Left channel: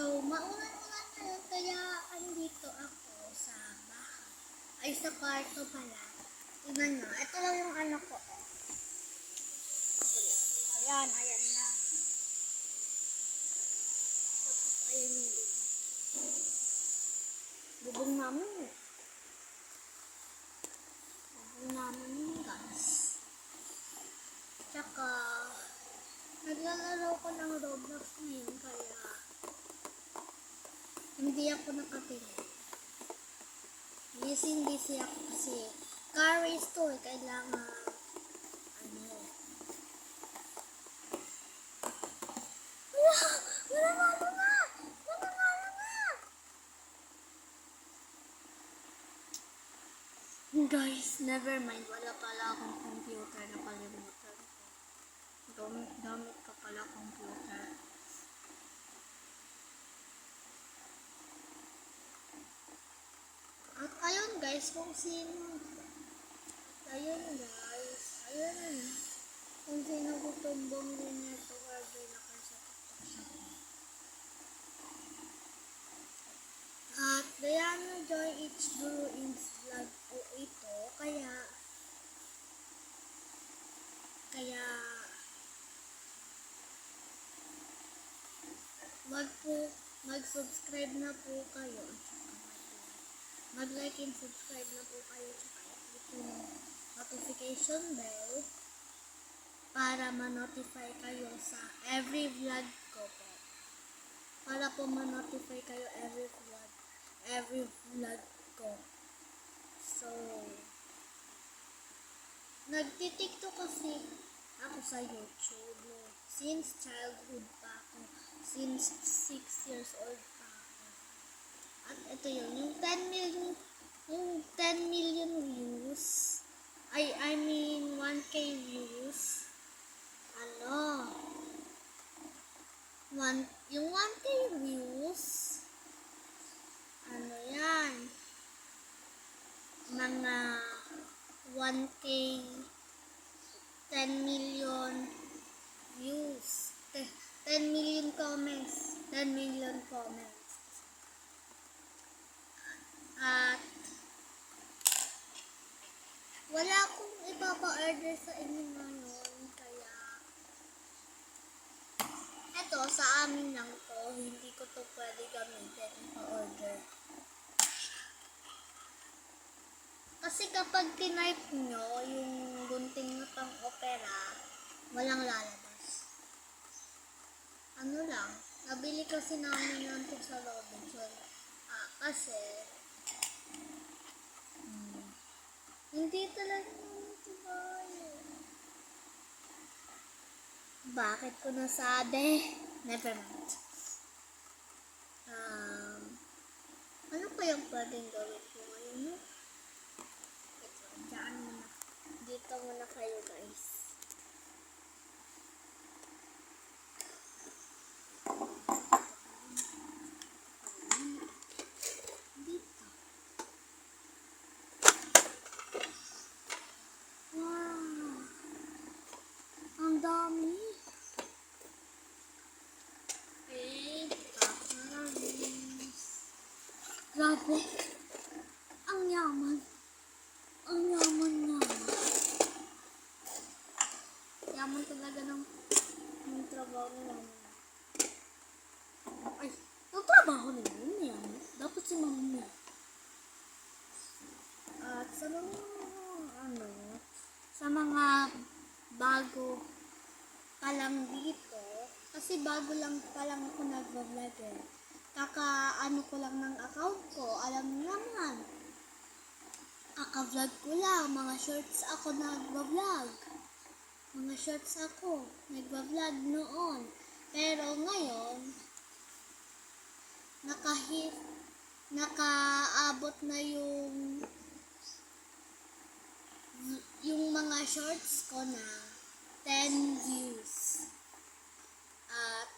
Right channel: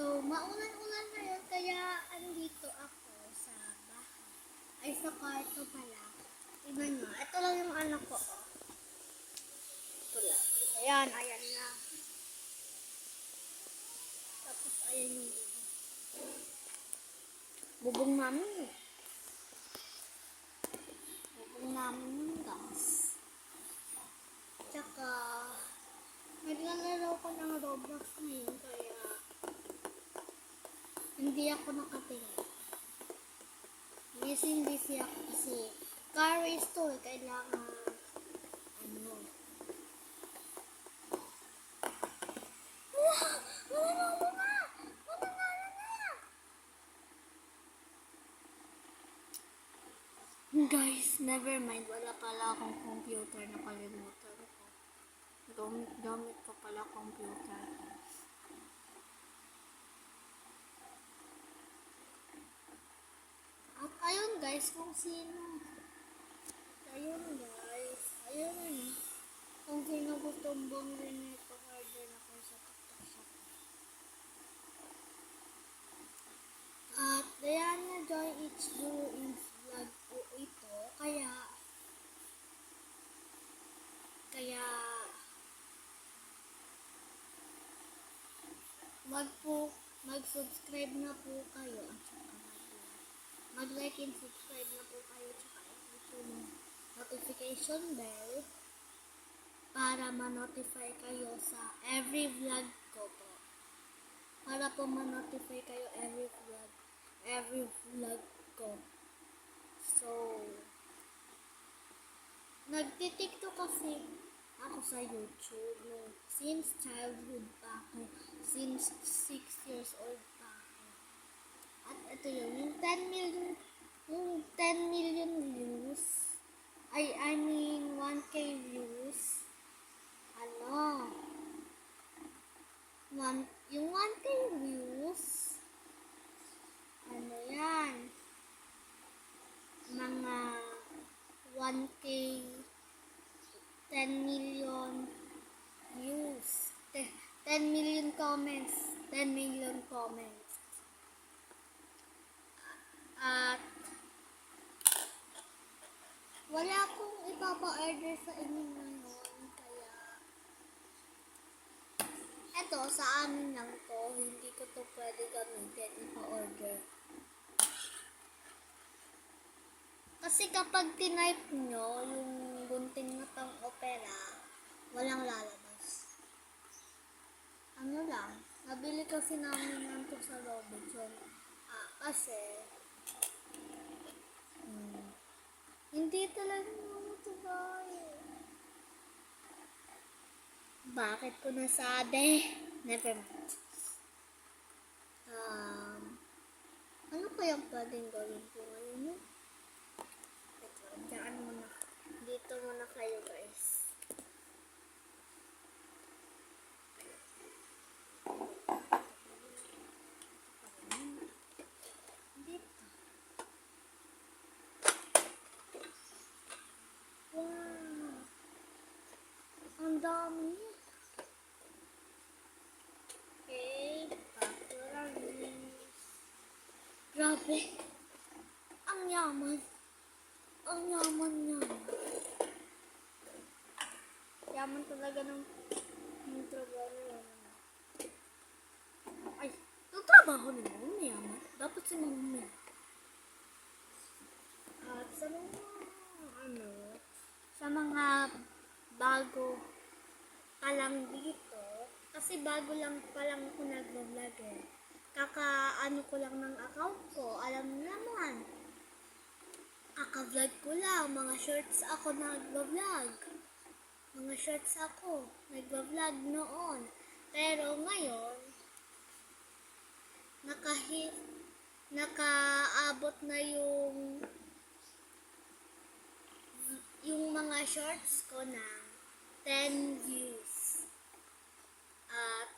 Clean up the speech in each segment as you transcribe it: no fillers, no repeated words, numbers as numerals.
So, maulan-ulan ngayon, kaya andito ako sa bahay. Ay, sa kwarto pala. Tingnan nyo, ito lang yung anak ko. Oh. Ayan na. Tapos, ayan yung bubong. Bubong namin. Bubong namin guys. Tsaka, naglalaro ko ng Roblox ngayon, kaya hindi ako nakatingin. Busy ako kasi car race to eh. Kailangan mananalo na! Guys, never mind. Wala pala akong computer. Nakalimutan ko. Gamit ko pala computer. At ayun guys, kung sino. Ayun guys. Ayun na. Kung sino gustong bumili nito, order na kayo sa TikTok shop. At Diana Joy H. Bruins vlog po ito. Kaya mag-subscribe na po kayo at saka mag-like and subscribe na po kayo at saka i-click yung notification bell para ma-notify kayo sa every vlog ko po. Para po ma-notify kayo every vlog ko. So, nagtitiktok kasi ako sa YouTube since childhood pa ako. Since 6 years old pa ako. At ito yun, yung 10 million views. I mean 1K views. Yung 1K views, yan? Mga 1K 10 million views. 10 million comments. 10 million comments. At wala akong ipapa-order sa inyo ngayon. Kaya eto, sa amin lang to. Hindi ko to pwede gamitin. Ipa-order. Kasi kapag tinype nyo yung gunting na pang opera, walang lalabas. Nabili kasi namin yan to sa Robinson. Kasi hindi talaga naman ito bayo. Bakit ko nasabi? Never mind. Ano kayang pwedeng gawin ko ngayon? No? Ito, dyan muna. Dito muna kayo guys. Ang dami. Okay, grabe. Ang yaman. Ang yaman. Yaman talaga ng trabaho ni mama. Ay, yung trabaho ni mama yaman. Dapat si mama. At sa mga bago pa lang dito, kasi bago lang pa lang ako nag-vlog eh. Kaka-ano ko lang ng account ko, alam niyo naman. Kaka-vlog ko lang, mga shorts ako nag-vlog. Mga shorts ako nag-vlog noon. Pero ngayon, nakaabot na yung mga shorts ko na 10 views. At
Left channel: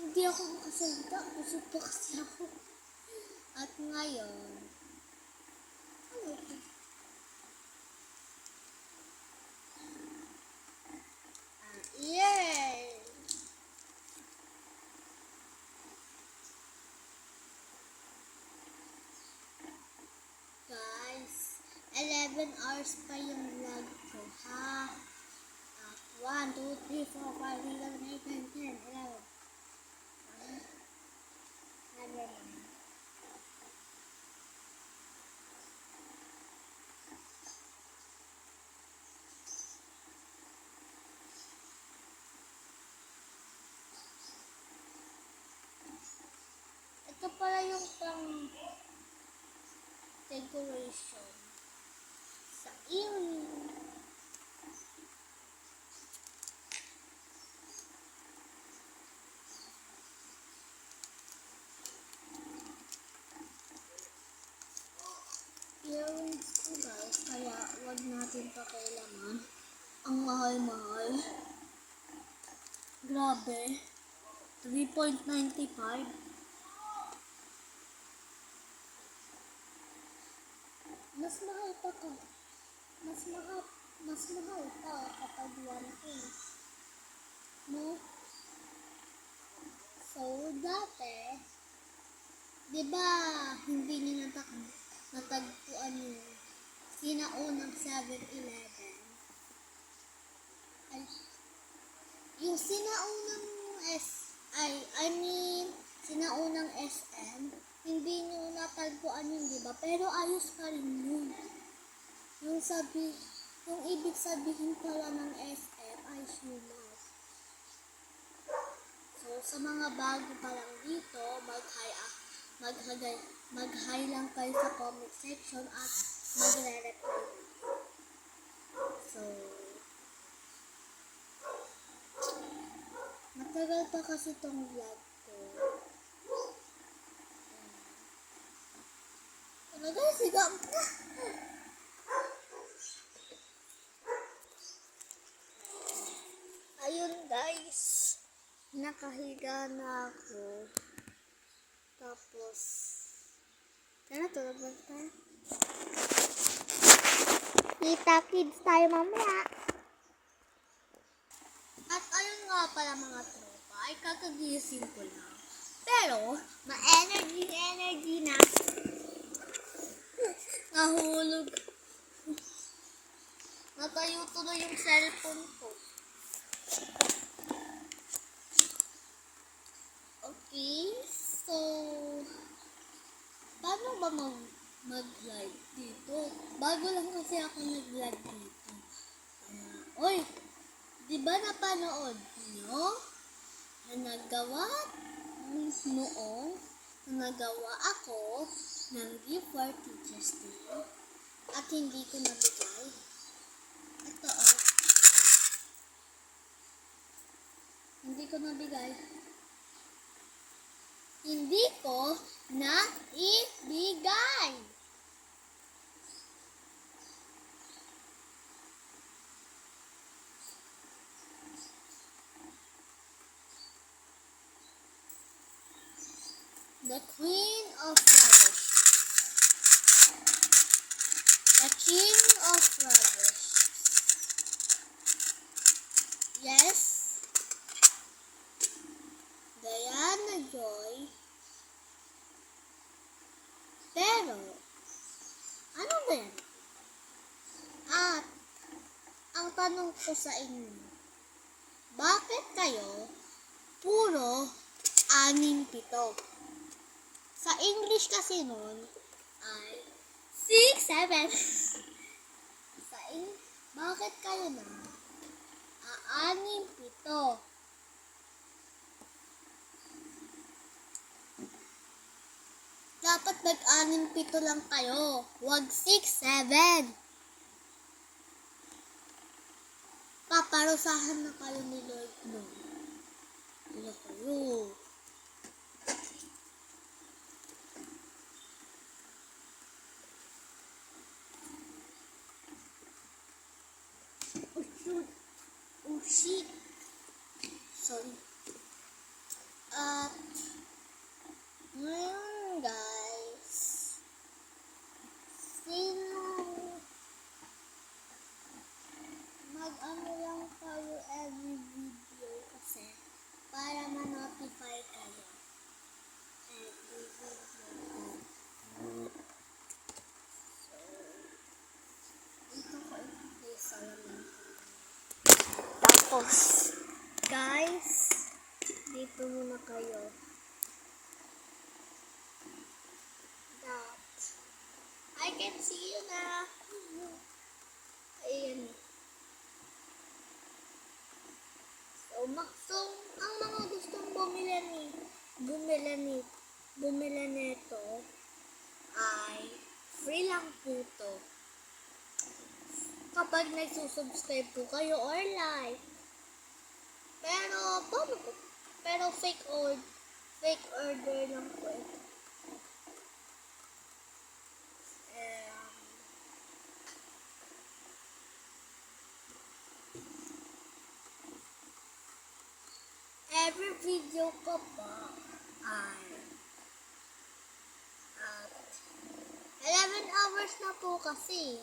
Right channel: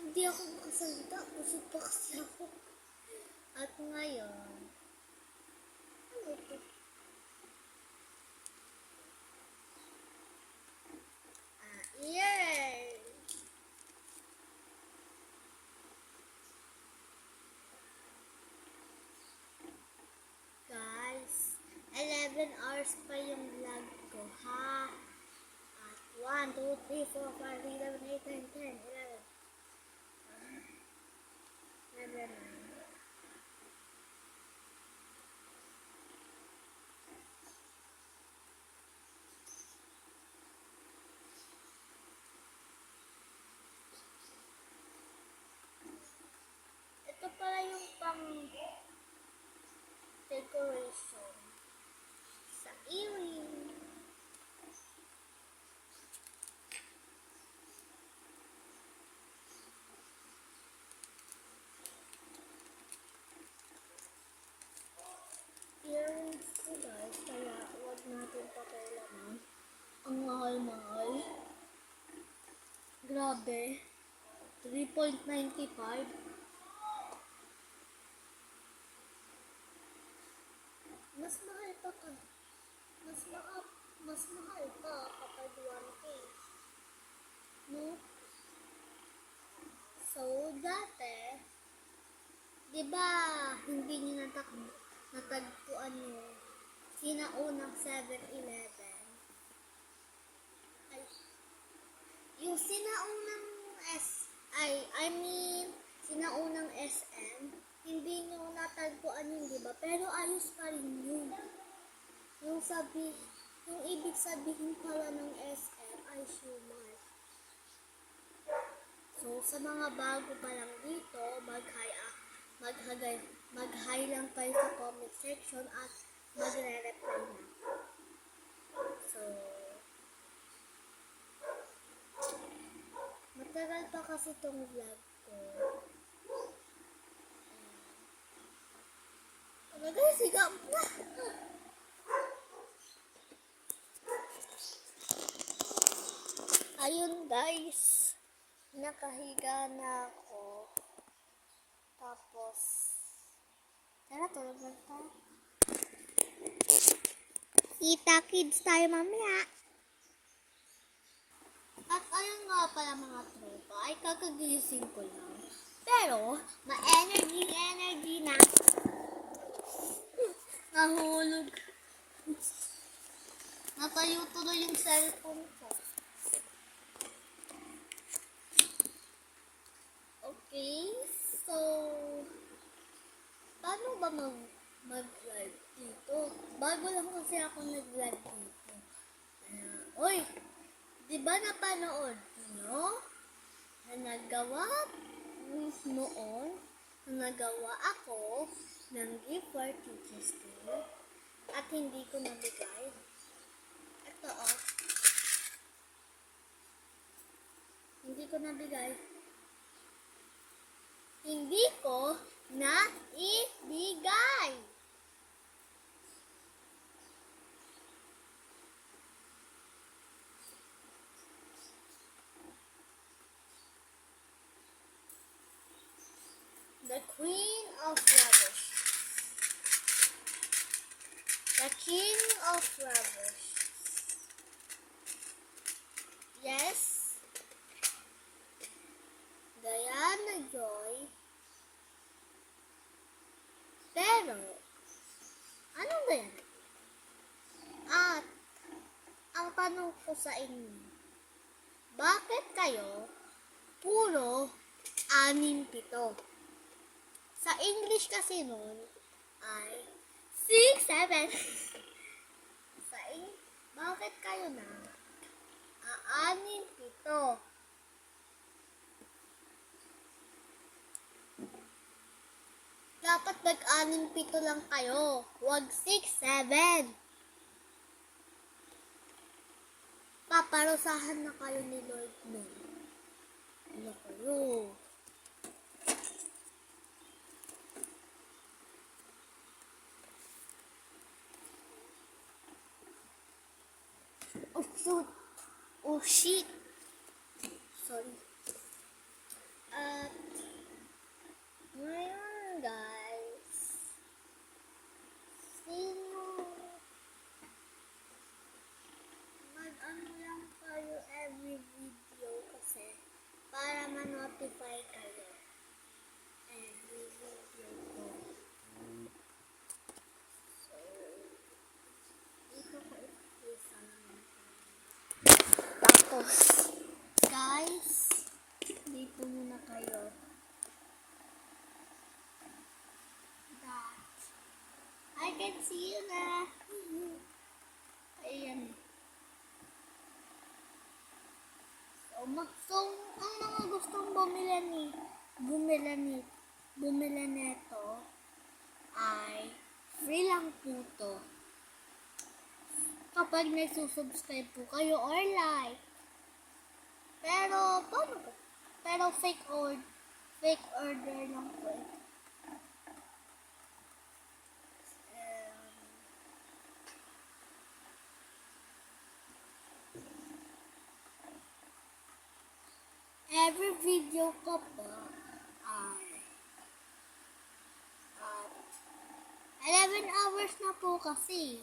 hindi ako makasalita. Busog pa kasi ako. At ngayon, ano ito? Yeah! 11 hours pa yung vlog ko, ha? At 1, 2, 3, 4, 5, 6, 7, 8, 9, 10, 11. 11, 9. Ito pala yung pang decoration sa earring. Earrings ko guys, kaya wag natin pakialaman. Ang mahal-mahal. Grabe. 3.95. Mas mahal pa ka. Mas mahal pa kapag 1K. No? So, dati, di ba, hindi nyo natagpuan yung sinaunang 7-Eleven? Ay, yung sinaunang sinaunang SM, hindi nyo natagpuan yun, di ba? Pero ayos pa rin yun. Yung ibig sabihin pala ng SM ay Shumar. So, sa mga bago pa lang dito, mag-hi lang kayo sa comment section at magre-reply na. So, matagal pa kasi tong vlog ko. Ano guys, sigam na. Ayun guys, nakahiga na ako. Tapos, tulog na tayo. Kita kids tayo mamaya. At ayun nga pala mga tropa, ay kakagising ko lang. Pero, ma-energy na. Nahulog. Natayo tuloy yung cellphone ko. Okay, so, paano ba mag-live dito? Bago lang kasi ako nag-live dito. Oy, di ba napanood nyo? Nagawa ako ng gift for Teachers Day at hindi ko nabigay. Ito hindi ko nabigay. Hindi ko naibigay. The Queen of Rubbish. The King of Rubbish. Yes. Diana Joy. Pero, anong Diana? At, ang tanong ko sa inyo, bakit kayo puro 6-7? Sa English kasi nun ay 6-7. Bakit kayo na 6-7? Dapat mag-6-7 lang kayo. Huwag 6-7. Paparusahan na kayo ni Lord nun. Ano kayo? Oh shit. Sorry. At ngayon guys, mag-ano lang kayo every video kasi para ma-notify kayo every video ko. So, Guys, dito muna kayo. That. I can see you na. Ayan. So, ang mga gustong bumili nito ay free lang po to. Kapag nagsusubscribe po kayo or like. Pero, paano po? Pero fake order lang po ito. Every video ko po ay 11 hours na po kasi.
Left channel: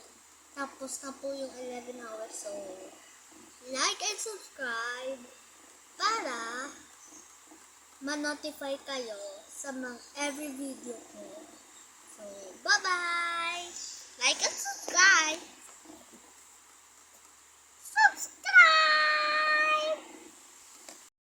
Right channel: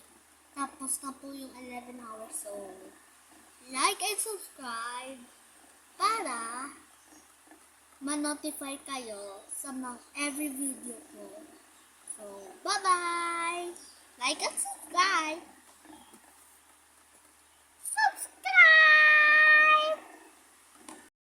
Tapos na po yung 11 hours. So, like and subscribe para ma-notify kayo sa mga every video ko. So, bye-bye!